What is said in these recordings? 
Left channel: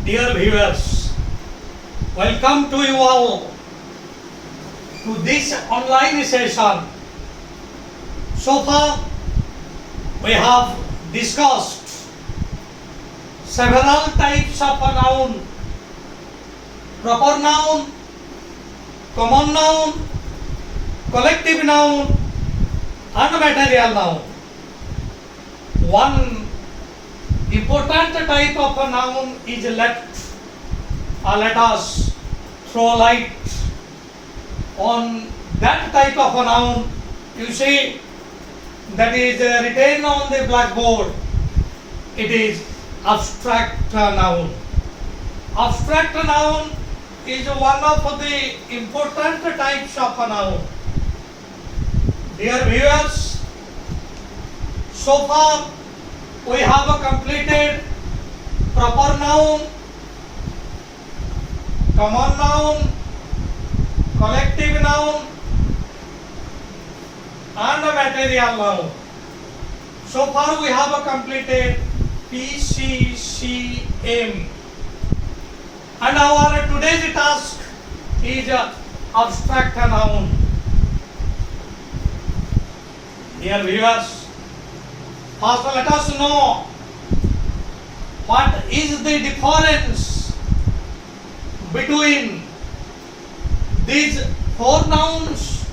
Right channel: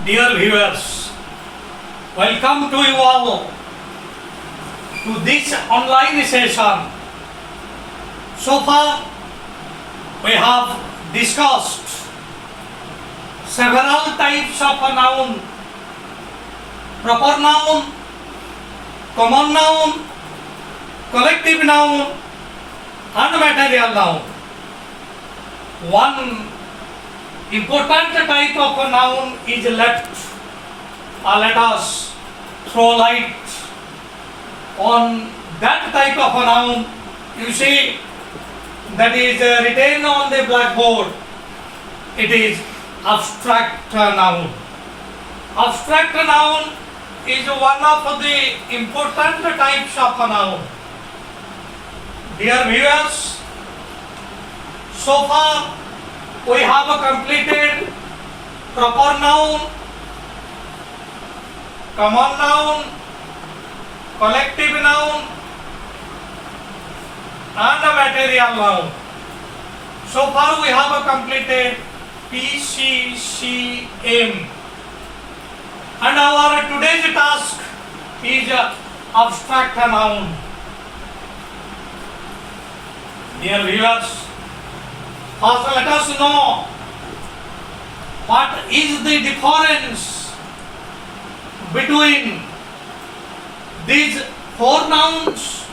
Dear viewers, welcome to you all to this online session. So far, we have discussed several types of noun: proper noun, common noun, collective noun, and material noun. One important type of a noun is left. Let us throw light on that type of a noun. You see, that is written on the blackboard. It is abstract noun. Abstract noun is one of the important types of a noun. Dear viewers, so far we have completed proper noun, common noun, collective noun, and a material noun. So far we have completed PCCM, and our today's task is abstract noun. Dear viewers, first let us know what is the difference between these four nouns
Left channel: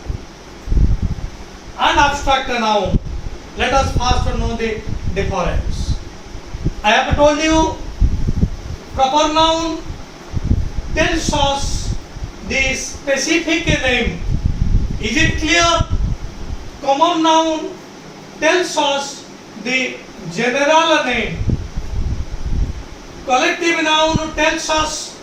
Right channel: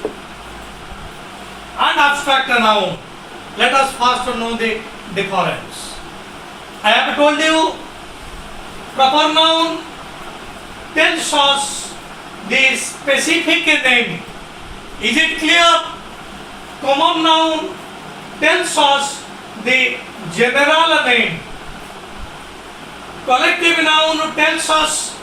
and abstract noun. Let us first know the difference. I have told you proper noun tells us the specific name. Is it clear? Common noun tells us the general name. Collective noun tells us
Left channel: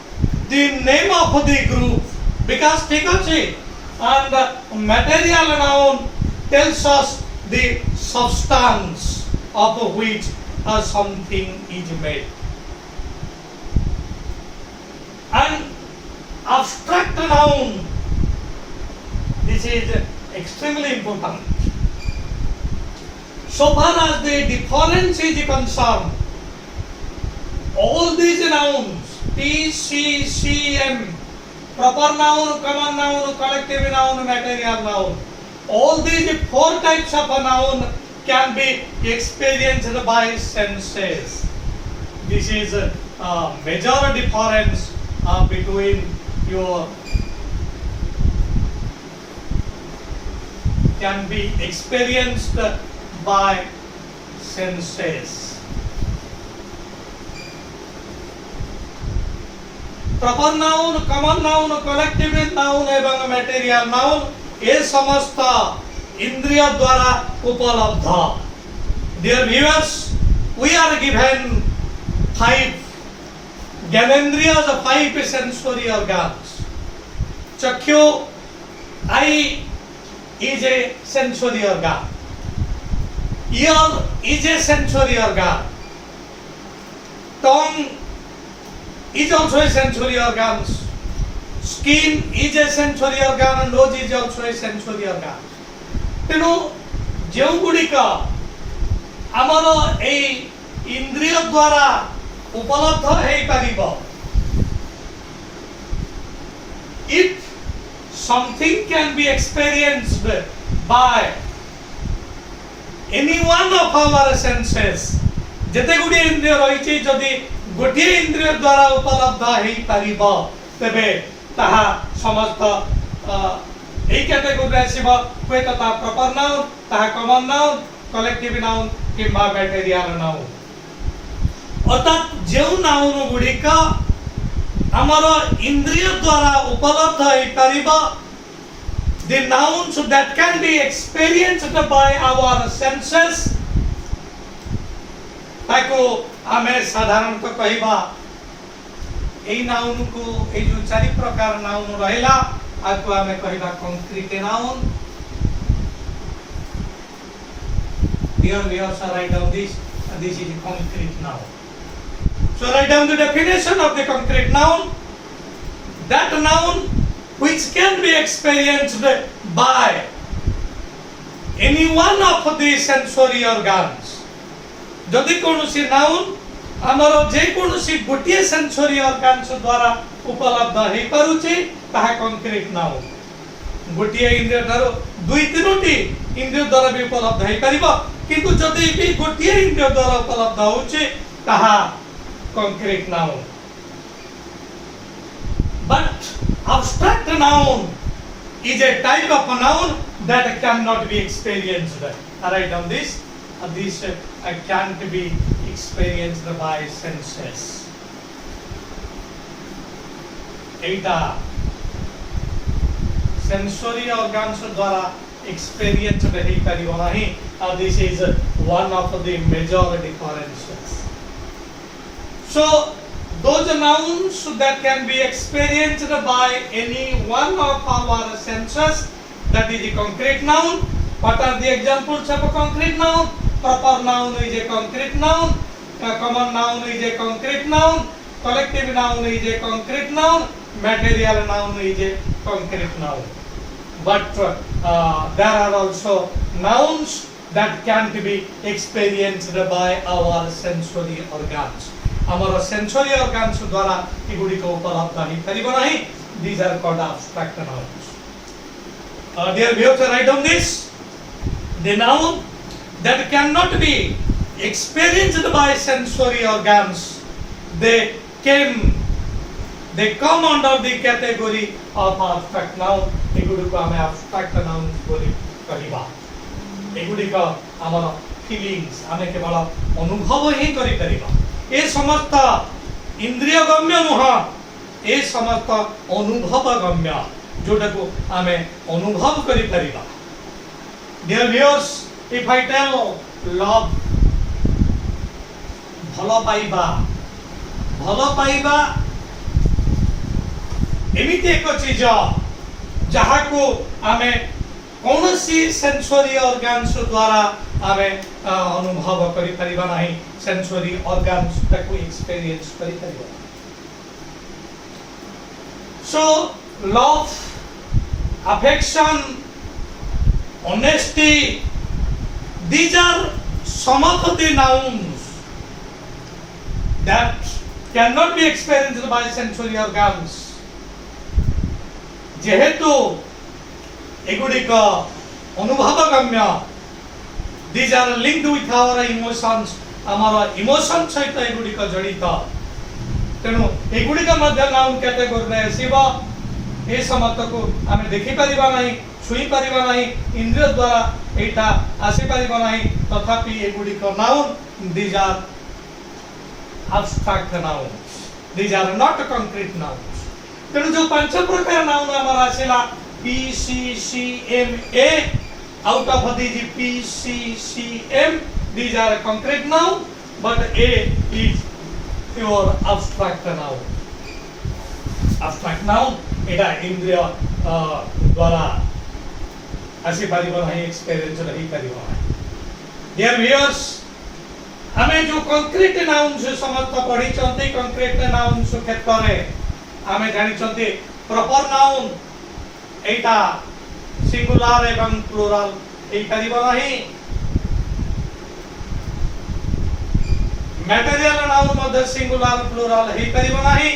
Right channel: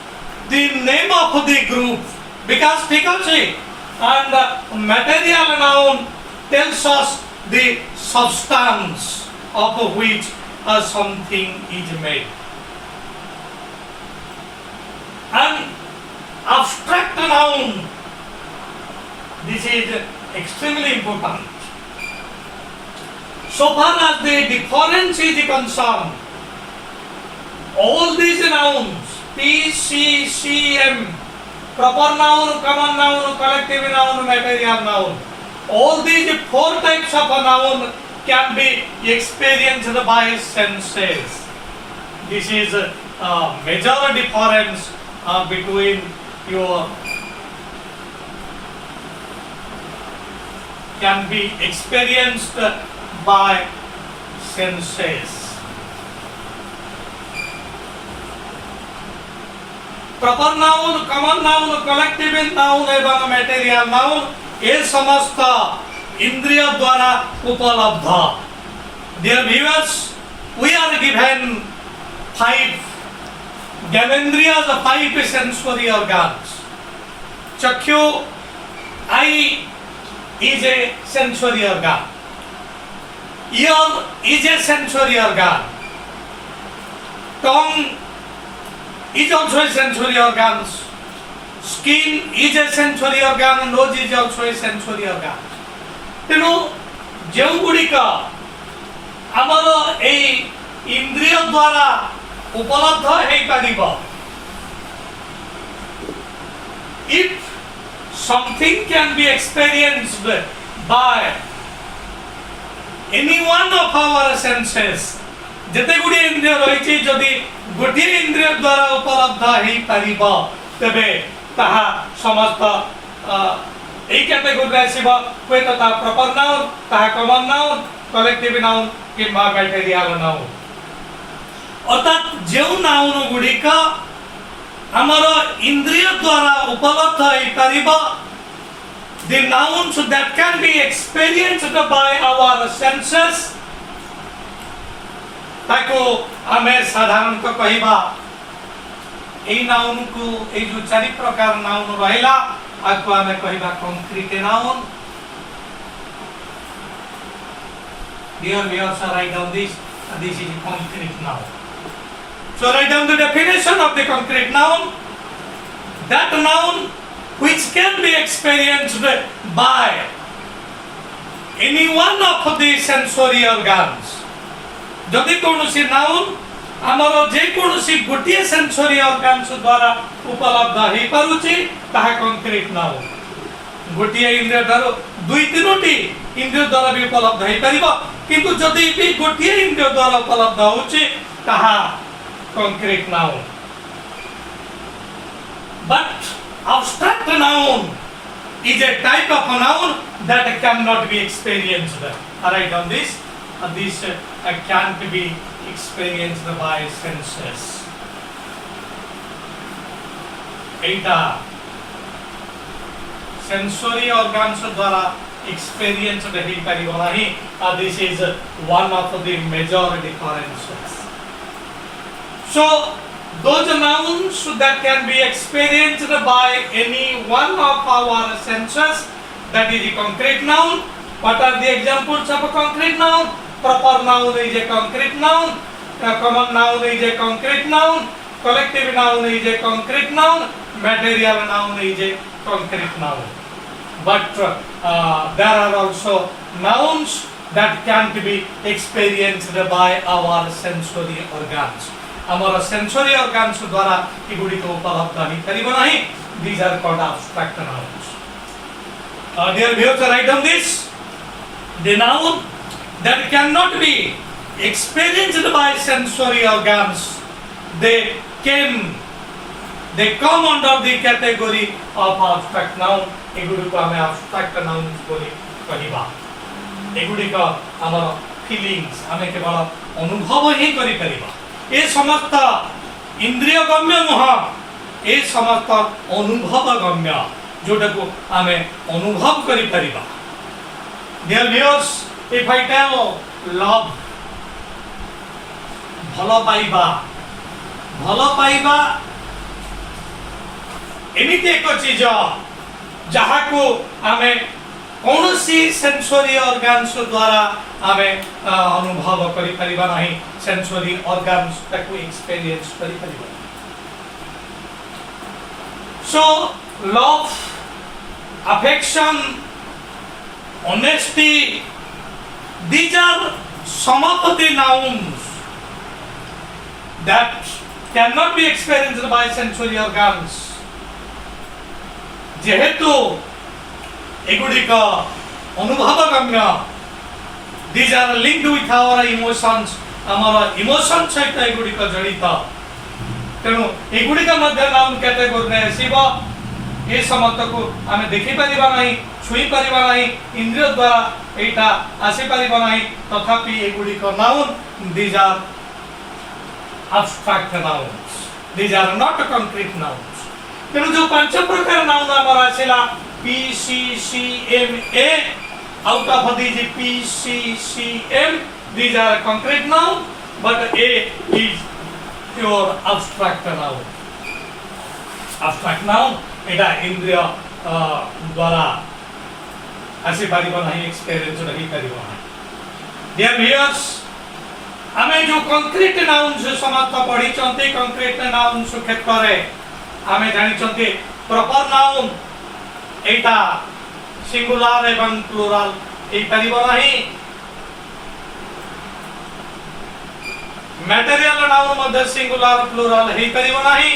the name of the group, because frequency, and material noun tells us the substance of which something is made. And abstract noun, this is extremely important. So far as the difference is concerned, all these nouns, PCCM, proper noun, common noun, collective noun, material noun, all these four types of a noun can be experienced by senses. This is a major difference between your can be experienced by senses. Proper noun, common noun, collective noun एवं material noun ये समस्त इंद्रिय द्वारा उपलब्ध. Dear viewers, we are given 5 ज्ञानेन्द्रियज, 5 sensory organs. चक्षु, eye is a sensory organ. Ear is a sensory organ. Tongue is also a sensory organ. Skin is a sensory organ. Nose is also a sensory organ. तेणु जो गुड़िक आमर इंद्रिय द्वारा उपलब्ध हो पारिबो. If something can be experienced by any one of our senses, जते गुडी इंद्रिय रही जदि गोटे इंद्रिय द्वारा उपलब्ध हो पारिबो तबे ताहा समस्त এই ক্যাটেগরি আসিব হয়তো তা প্রপার নাউন, তাহা কমন নাউন, কলেক্টিভ নাউন কিংবা ম্যাটেরিয়াল নাউন. অর্থাৎ যেউ নাউন গুড়িক আমার ইন্দ্রিয় দ্বারা উপলব্ধ হইপারিব, the nouns that can be experienced by our senses, ତାକୁ ଆମେ ସାଧାରଣତଃ କହିବା এই নাউনକୁ এই जो 4 प्रकार नाउन ରହିଲା आको आमे कहबा concrete noun. Dear viewers, write down this. This is concrete noun. So write down the definition of the concrete noun. That noun which can be experienced by any one of the sensory organs. যদি কোনসি noun ଆମର जे कोनोसी गोटिए sensory organs द्वारा उपलब्ध हे पारुची ताहा concrete noun गोटिए इंद्रिय द्वारा दुई तीनोटी इंद्रिय द्वारा भी उपलब्ध हे परिबो किंतु जदि भी गोटिए इंद्रिय द्वारा उपलब्ध होची ताहा concrete noun but abstract noun is a type of a noun that cannot be experienced. Write down this. This can't be experienced by senses. Etah sensory organs द्वारा experience नहीं करिबो नहीं. This is one of the major differences. So those nouns that can be experienced by any one of our senses, that is a concrete noun. What are the examples of a concrete noun? Proper noun is a concrete noun, common noun is a concrete noun, collective noun is a concrete noun, material noun is a concrete noun. But there are also nouns that can't be experienced by our sensory organs. हमारा sensory organs द्वारा एगुडी को उपलब्ध नहीं करिबो नहीं. These are called abstract nouns. Dear viewers, write down this. The noun that cannot be experienced by sensory organs, they come under the category of abstract noun. एगुडी को हमें abstract nouns बोली कहिबा. एगुडी का हमारा feelings हमें केवल अनुभव ही करि परिबा. ए समस्त इंद्रिय गम्य नुह ए समस्त अनुभव गम्य जोटा को आमे अनुभव करि परिबा. Dear viewers, if I tell love भलो पाइबा एमिति एक चीज जहा को आमे कौनसी सेंसरी ऑर्गन्स द्वारा आमे अनुभव करि परिबा नहीं. सेंसरी ऑर्गन्स तक एक्सपीरियंस करि परिबा. So love, affection, honesty, these are some of the nouns that cannot be experienced by sensory organs. जेहेतु एगुडिक अनुभव गम्य, these are linked with our emotions. हमारा इमोशन सहित एगुडिक जड़ित. तेणु एगुडिक मध्य नाउन कैटेगोरी में आसीबो. ए समस्त को आमे देखि परिबा नहीं, छुई परिबा नहीं, इंद्रिय द्वारा एटा आसी परिबा नहीं. तथापि एगुडिक noun, these are abstract nouns. These are not concrete nouns. तेणु जो पंच प्रकार नाउन हमारा आसीला PCCMA, out of these PCCM, these are concrete noun, but A is your abstract noun. Abstract noun एटा इंद्रिय द्वारा आसी परिबो नहीं, एक्सपीरियंस नहीं करिबो. डियर व्यूअर्स, हमें जो कंक्रीट नाउन से समस्त पढ़ी चंती कंक्रीट नाउन से क्षेत्र रे हमें जानि चंती प्रॉपर नाउन एटा सिंगुलर एवं प्लुरल ए परिबो नहीं. मटेरियल नाउन मध्ये सिंगुलर प्लुरल हे परिबो नहीं.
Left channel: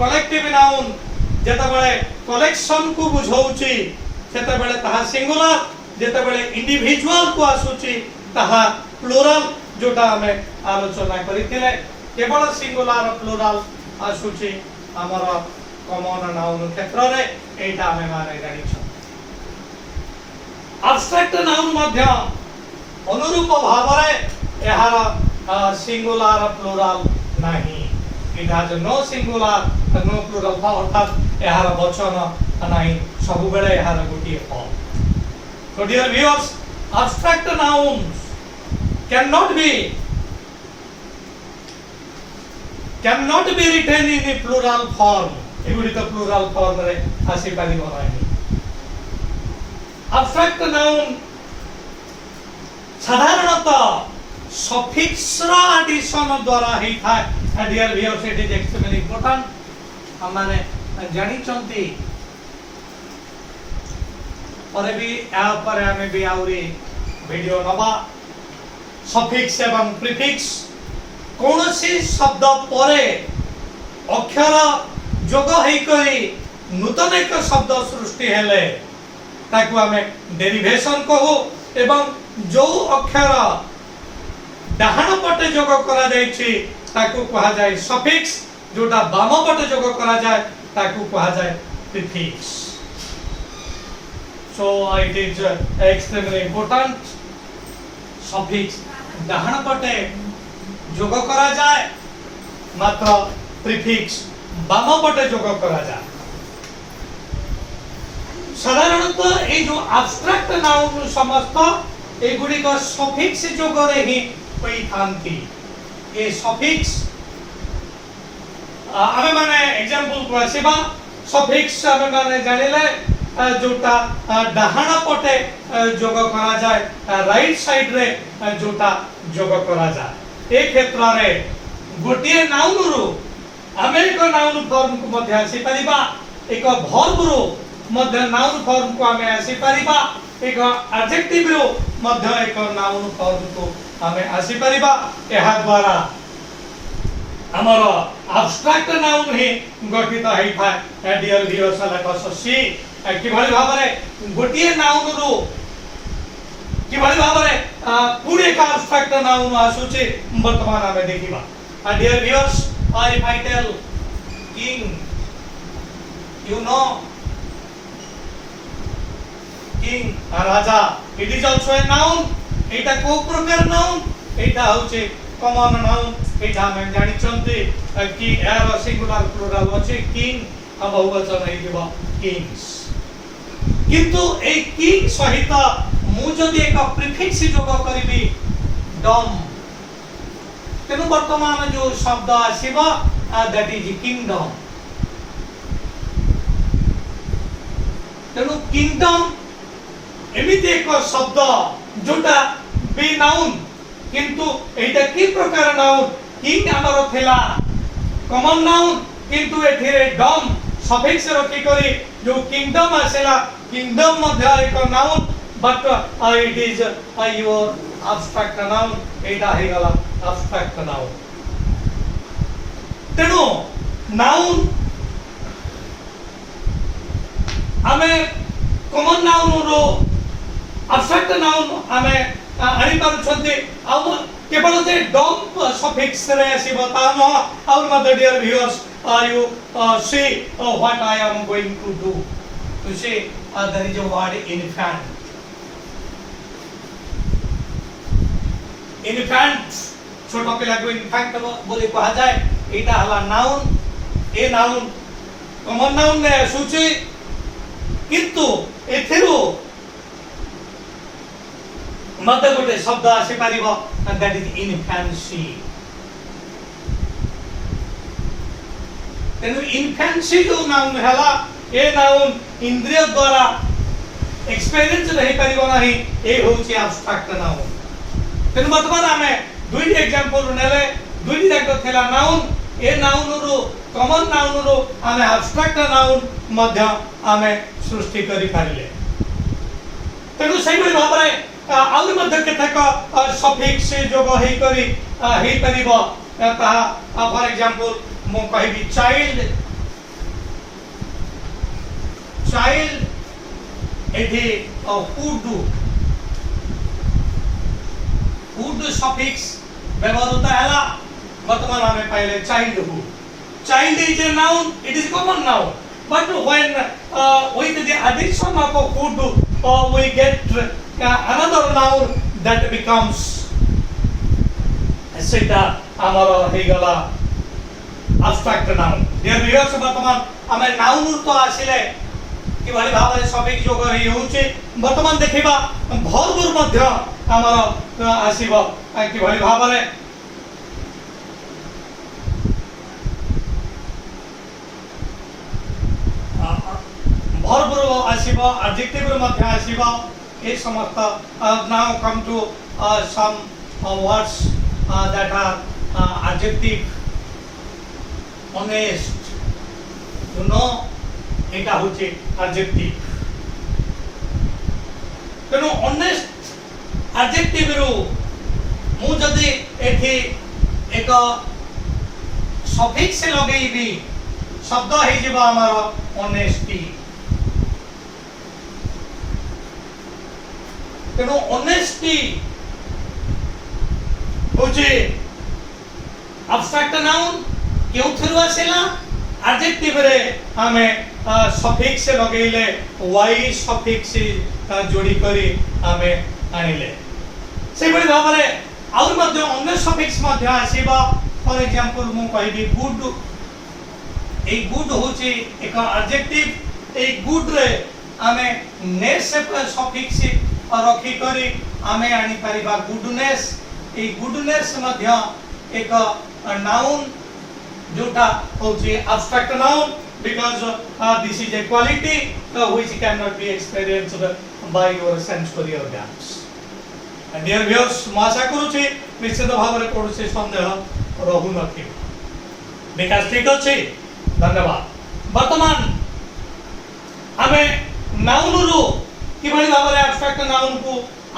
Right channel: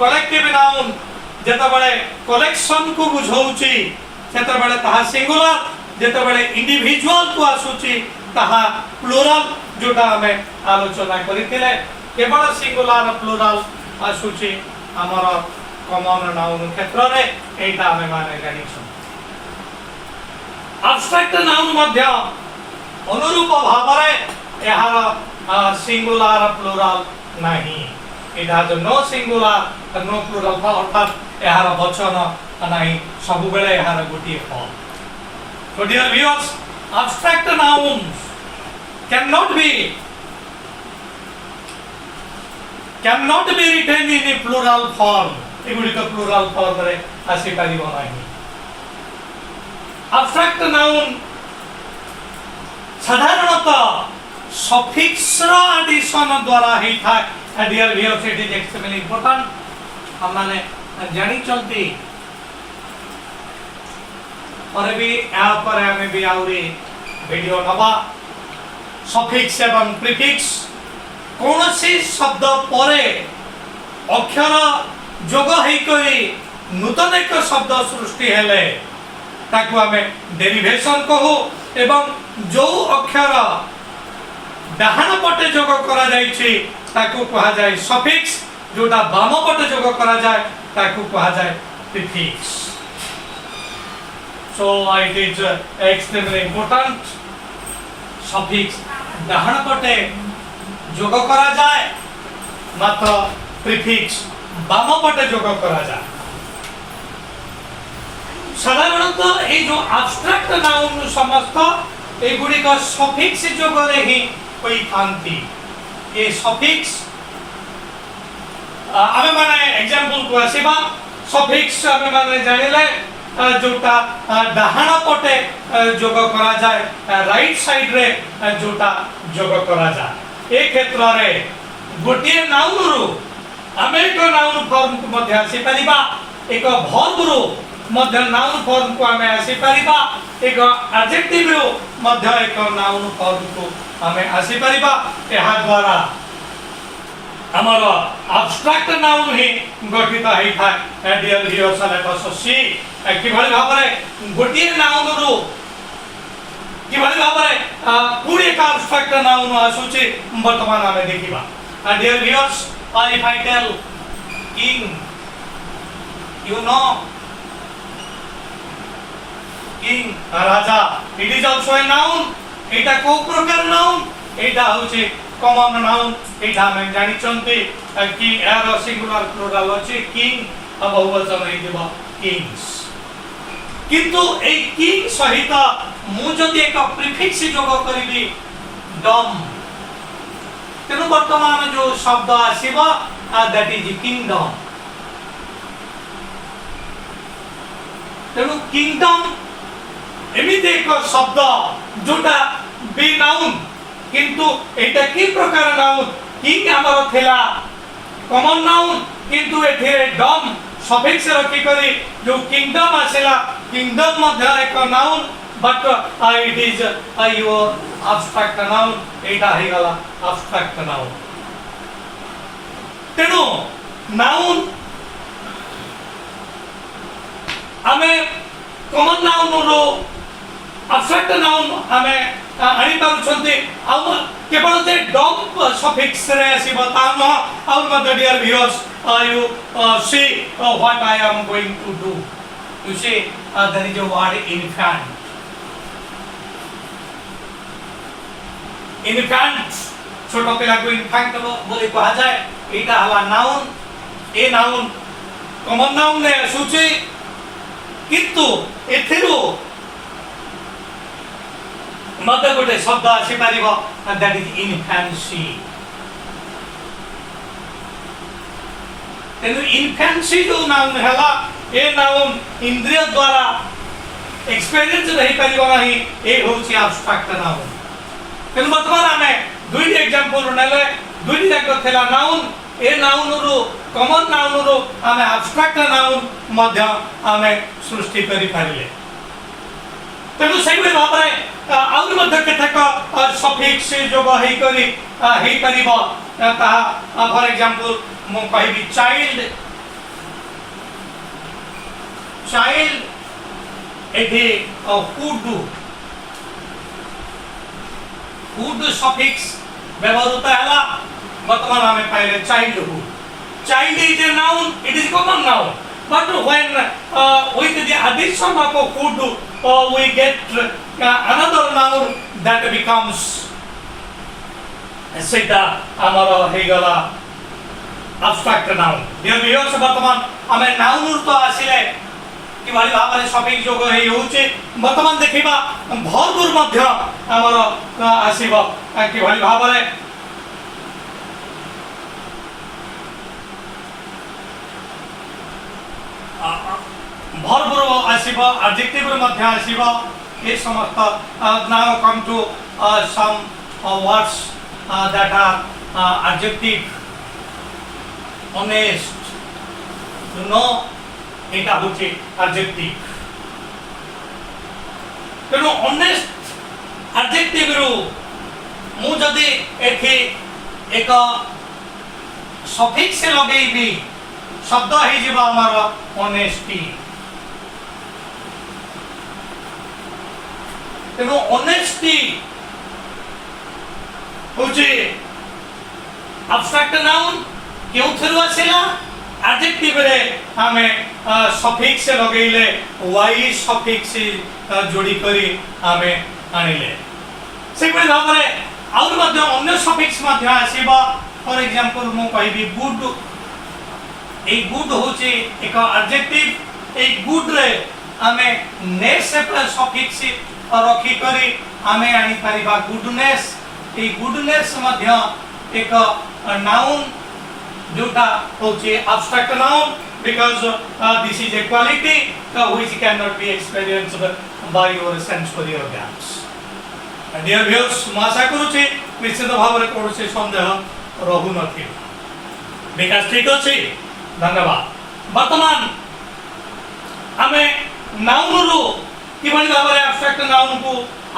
कलेक्टिव नाउन जेता बळे कलेक्शन को बुझौची सेता बळे ताहा सिंगुलर, जेता बळे इंडिविजुअल को आसुची ताहा प्लुरल. जोटा हमें आलोचना करिथिले केवल सिंगुलर प्लुरल आसुची हमर कॉमन नाउन क्षेत्र रे एटा हमें माने जानि छ. एब्स्ट्रैक्ट नाउन मध्ये अनुरूप भावरे एहार सिंगुलर प्लुरल नहीं. It has no singular no plural, अर्थात एहार वचन नहीं, सब बेले एहार गोटिए form. So dear viewers, abstract nouns cannot be written in a plural form. एगुडी तो प्लुरल फॉर्म रे आसी परिबो नाही. एब्स्ट्रैक्ट नाउन साधारणतः सफिक्स रो एडिशन द्वारा ही था. Dear viewers, it is extremely important. हम माने जानि चलती और भी आ पर हमें भी आउरी वीडियो नवा. सफिक्स एवं प्रीफिक्स कौनसी शब्द परे अक्षर जोग होई नूतन एक शब्द सृष्टि हेले ताकू आमे डेरिवेशन कहू एवं जो अक्षर डाहाण पटे जोग करा जायछि ताकू कहा जाय सफिक्स जोटा बाम पटे जोग करा जाय ताकू कहा जाय prefix so it is extremely important suffix डाहाण पटे जोग करा जाय मात्र प्रीफिक्स बाम पटे जोग करा जाय साधारणतः ये जो एब्स्ट्रैक्ट नाउन समस्त एगुड़ी का सफिक्स जोगरे ही होई थांती ये सफिक्स आमे माने एग्जांपल को आसीबा सफिक्स आमे माने जानिले जोटा डाहाण पटे जोग करा जाय राइट साइड रे जोटा जोग करा जाय ए क्षेत्र रे गोटिए नाउन रु आमे एक नाउन फॉर्म को मध्य आसी परिबा एक वर्ब रु मध्य नाउन फॉर्म को आमे आसी परिबा एक एडजेक्टिव रु मध्य एक नाउन फॉर्म को आमे आसी परिबा एहा द्वारा हमर एब्स्ट्रैक्ट नाउन ही गठित होई थाए डियर व्यूअर्स लेट अस सी कि भली भाबरे गोटिए नाउन रु कि भली भाबरे पूरे का एब्स्ट्रैक्ट नाउन आसुची वर्तमान आमे देखिबा dear viewers if I tell king you know king राजा it is also a noun एटा को प्रकार नाउन एटा होचे कॉमन नाउन एटा हम जानि चंती कि यार सिंगुलर प्लुरल अछि किंग अब बहुवचन हे दिबा किंग्स किंतु ए किंग सहित मु जदि एक प्रीफिक्स जोग करबी डम तेनु वर्तमान जो शब्द आसीबा दैट इज किंगडम तेनु किंगडम एमिते एक शब्द जोटा बे नाउन किंतु एटा की प्रकार नाउन किंग हमर थेला कॉमन नाउन किंतु एथिरे डम सफिक्स रखी करी जो किंगडम आसेला किंगडम मध्य एक noun but it is your abstract noun एटा हे गला एब्स्ट्रैक्ट नाउन तेनु नाउन हमें कॉमन नाउन रो एब्स्ट्रैक्ट नाउन हमें आनी पारुछन्ते आ केवल जे डम सफिक्स रे आसीबो ताम आउ mother dear viewers you see what I am going to do you see there is a word infant छोटा पिला को इन्फैंट बोली कहा जाए एटा हवा noun a noun common noun ने सूची किंतु एथिरो मते गोटे शब्द आसी पारिबो दैट इज इन्फैंसी तेनु इन्फैंसी जो नाउन हला ए नाउन इंद्रिय द्वारा एक्सपीरियंस रही पारिबो नाही ए होची एब्स्ट्रैक्ट नाउन तेनु वर्तमान हमें दुई एग्जांपल नेले दुई जाक थेला नाउन ए नाउन रु कॉमन नाउन रु हमें एब्स्ट्रैक्ट नाउन मध्य हमें सृष्टि करि पारिले तेनु सही भाबरे आउर मध्य केतक सफिक्स जोग हेई करी हेई परिबो ता फॉर एग्जांपल मो कहबी चाइल्ड चाइल्ड एठी फूड सफिक्स व्यवहार होता है वर्तमान हमें पहले childhood child is a noun it is common noun but when with the addition of a food we get another noun that becomes सेटा हमर हे गला एब्स्ट्रैक्ट नाउन देयर व्यूअर्स वर्तमान हमें नाउन तो आसिले कि भाई भाबरे सफिक्स जोग हे होचे वर्तमान देखिबा भरपूर मध्य हमर आसीबो कि भाई भाबरे भरपूर आसीबो एडजेक्टिव मध्य आसीबो ए समस्त now come to some words that are adjective honest you know eta hoche adjective teno honest adjective ru mu jodi ethi एक सफिक्स लगेबी शब्द हो जिवो हमर ऑनेस्टी तेणु ऑनेस्टी होची एब्स्ट्रैक्ट नाउन केउथरु आसेला एडजेक्टिव रे हमें सफिक्स लगेले वाई सफिक्स जोड़ी करी हमें आनिले से बड़ी भाव रे और मध्य अन्य सफिक्स मध्य आसीबा फॉर एग्जांपल मु कहबी गुड ए गुड होची एक एडजेक्टिव ए गुड रे हमें नेस सफिक्स रखी करी हमें आनी परिबा गुडनेस ए गुडनेस मध्य एक नाउन जोटा होची abstract noun because this is a quality which cannot be experienced by your sensory organs. And dear viewers, ମୁଁ ଆଶା କରୁଛି ନିଶ୍ଚିତ ଭାବରେ କୌଣସି ସନ୍ଦେହ ରହୁ ନଥିବ ବିକାଶ ଠିକ ଅଛି ଧନ୍ୟବାଦ ବର୍ତ୍ତମାନ ଆମେ ନାଉନରୁ କିଭଳି ଭାବରେ ଆବଷ୍ଟ୍ରାକ୍ଟ ନାଉନକୁ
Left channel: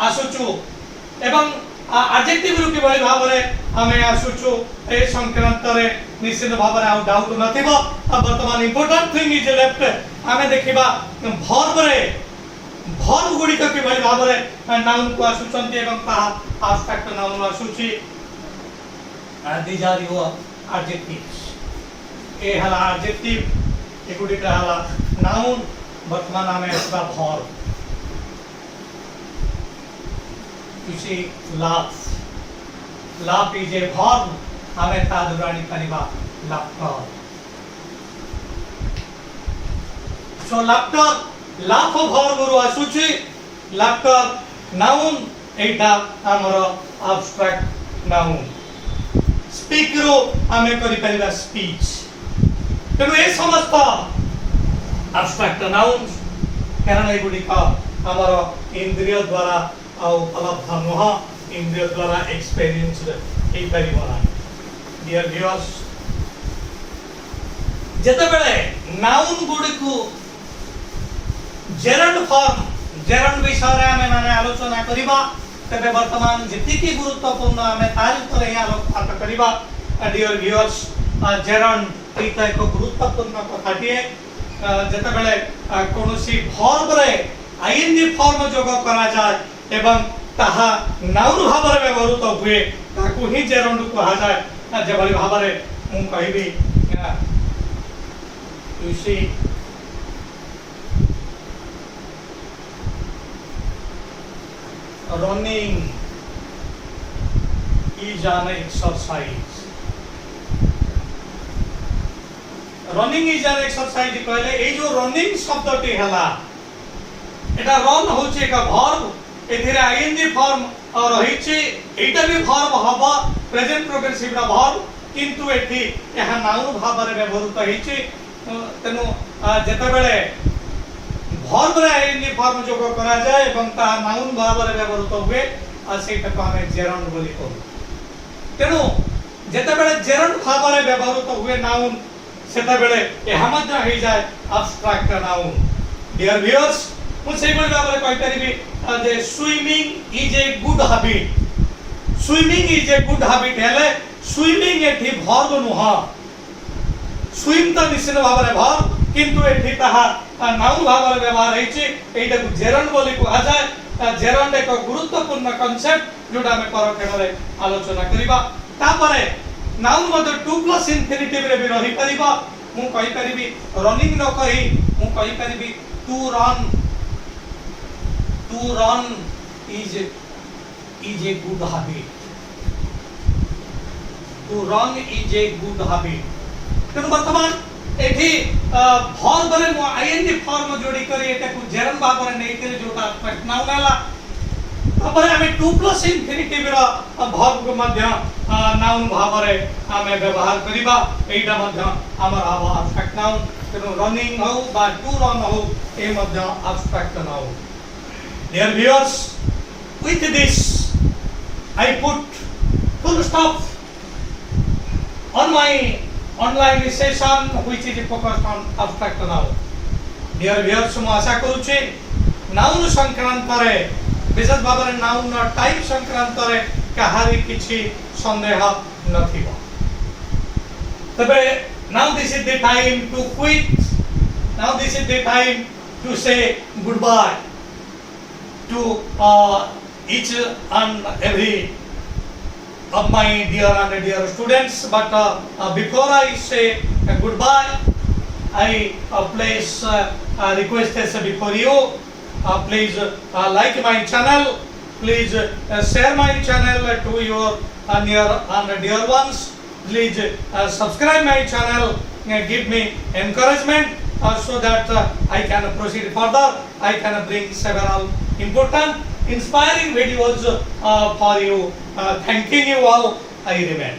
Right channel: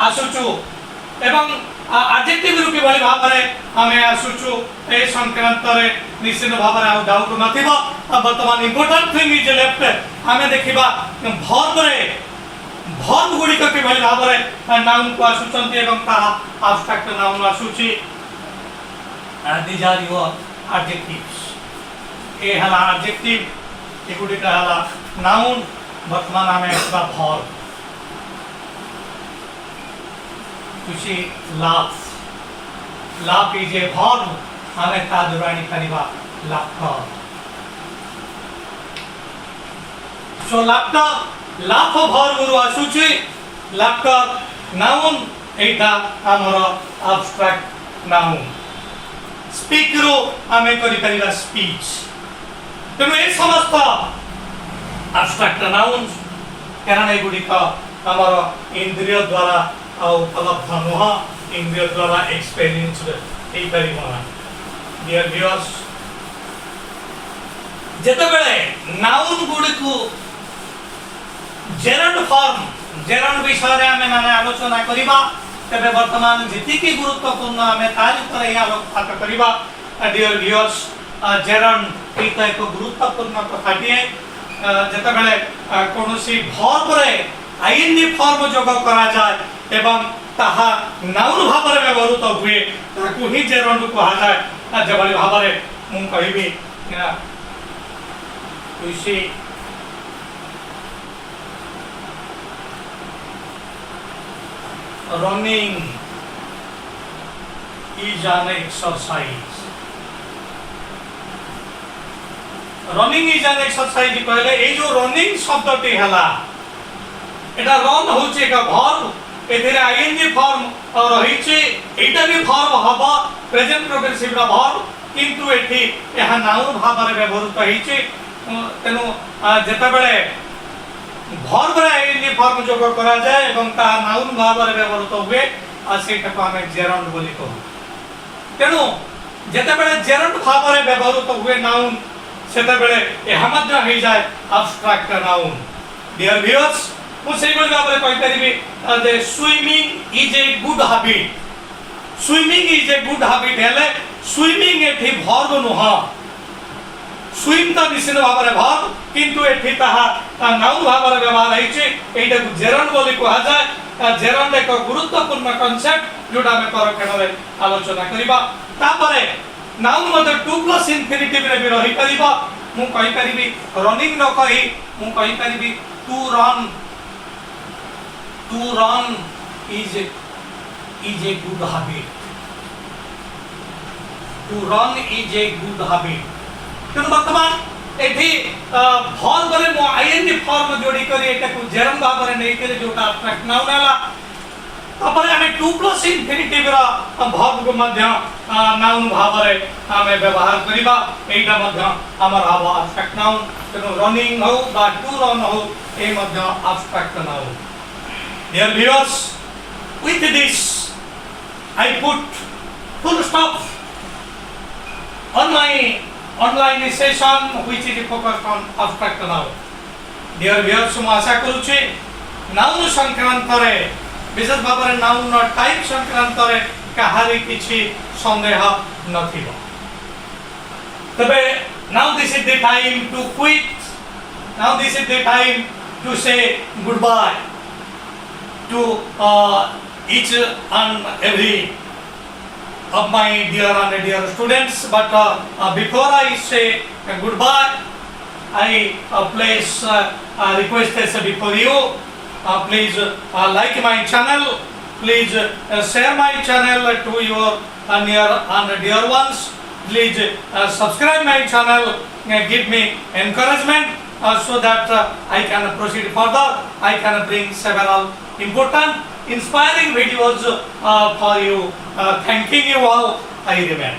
ଆସୁଛୁ ଏବଂ adjective ରୁ କିଭଳି ଭାବରେ ଆମେ ଆସୁଛୁ ଏ ସଂକ୍ରାନ୍ତରେ ନିଶ୍ଚିତ ଭାବରେ ଆଉ ଡାଉଟ ନଥିବ ବର୍ତ୍ତମାନ ଇମ୍ପୋର୍ଟାଣ୍ଟ ଥିଙ୍ଗ ଇଜ ଲେଫ୍ଟ ଆମେ ଦେଖିବା ଭର୍ବ ଗୁଡ଼ିକ କିଭଳି ଭାବରେ ନାଉନ କୁ ଆସୁଛନ୍ତି ଏବଂ ତାହା ଆବଷ୍ଟ୍ରାକ୍ଟ ନାଉନ ଆସୁଛି these are your adjectives ଏ ହେଲା adjective ଏଗୁଡ଼ିକ ହେଲା ନାଉନ ବର୍ତ୍ତମାନ ଆମେ ଆସିବା verb you see laugh laugh is a verb हमें ता दुरानी करिबा laughter so laughter laugh verb रो आसुची laughter noun एटा हमर abstract noun speak रो हमें करि परिबा speech तेनु ए समस्त abstract nouns कारण एगुडी का हमर इंद्रिय द्वारा उपलब्ध नुह इंद्रिय द्वारा एक्सपीरियंस डियर व्यूअर्स जेतेबेले नाउन गुडी को जेरंड विषय रे हमें माने आलोचना करिबा तबे वर्तमान जेति की गुरुत्वपूर्ण हमें तार ऊपर ही आलोकपात करिबा डियर व्यूअर्स जेरंड एक गुरुत्वपूर्ण कथाटिए जेतेबेले कोनोसी वर्ब रे आईएनजी फॉर्म जोग करा जाय एवं ताहा नाउन भाव रे व्यवहृत हुए ताकू ही जेरंड कहा जाय जेभली भाव रे मु कहिबी you see running is an exercise कहले ए जो रनिंग शब्दटी हला एटा रन होचे का वर्ब एथिरे आईएनजी फॉर्म रहिछि एटा भी वर्ब हबा प्रेजेंट प्रोग्रेसिव रा वर्ब किंतु एठी एहा नाउन भाव रे व्यवहृत हिछि तेनु जेतेबेले वर्ब रे आईएनजी फॉर्म जोग करा जाय एवं ता नाउन भाव रे व्यवहृत हुए आ सेटा को हमें जेरंड बोली कहू तेनु जेतेबेले जेरंड भाव रे व्यवहृत हुए नाउन सेतेबेले एहा मध्य हे जाय एब्स्ट्रैक्ट नाउन डियर व्यूअर्स मु सेहि बळी भाबरे कहि परिबी जे swimming is a good habit हेले स्विमिंग एठी वर्ब नुह स्विम तो निश्चित भाव में वर्ब किंतु एठी ताहा नाउन भाव में व्यवहार हेछि एटा को जेरंड बोली कहा जाय जेरंड एक गुरुत्वपूर्ण कांसेप्ट जोटा हम परक्षण रे आलोचना करिबा तापरे नाउन मते टू प्लस इंफिनिटिव रे भी रही परिबा मु कहि परिबी रनिंग न कहि मु कहि परिबी to run is a good habit to run is a good habit तो वर्तमान एठी वर्ब रे मो आईएनजी फॉर्म जोड़ी करी एटा को जेरम भाव रे नै केले जोटा एब्स्ट्रैक्ट नाउन हला तपर हमें टू प्लस इंफिनिटिव रा वर्ब को मध्य नाउन भाव रे हमें व्यवहार करिबा एटा मध्य हमर हवा एब्स्ट्रैक्ट नाउन तो रनिंग हो बा टू रन हो ए मध्य abstract noun Dear viewers, with this I put full stop on my online session which is focused on abstract noun. Dear viewers, ମୁଁ ଆଶା କରୁଛି ନାଉନ ସଂକ୍ରାନ୍ତରେ ବିଶେଷ ଭାବରେ ନାଉନ ଟାଇପ ସଂକ୍ରାନ୍ତରେ କାହାରି କିଛି ସନ୍ଦେହ ନଥିବ। ତେବେ now this is the time to quit. Now this is the time to say goodbye to each and every of my dear and dear students. But before I say goodbye, I place request before you. Please like my channel. Please share my channel to your near and dear ones. Please subscribe my channel. Give me encouragement so that I can proceed further. I can bring several important, inspiring videos for you. Thanking you all. I remain.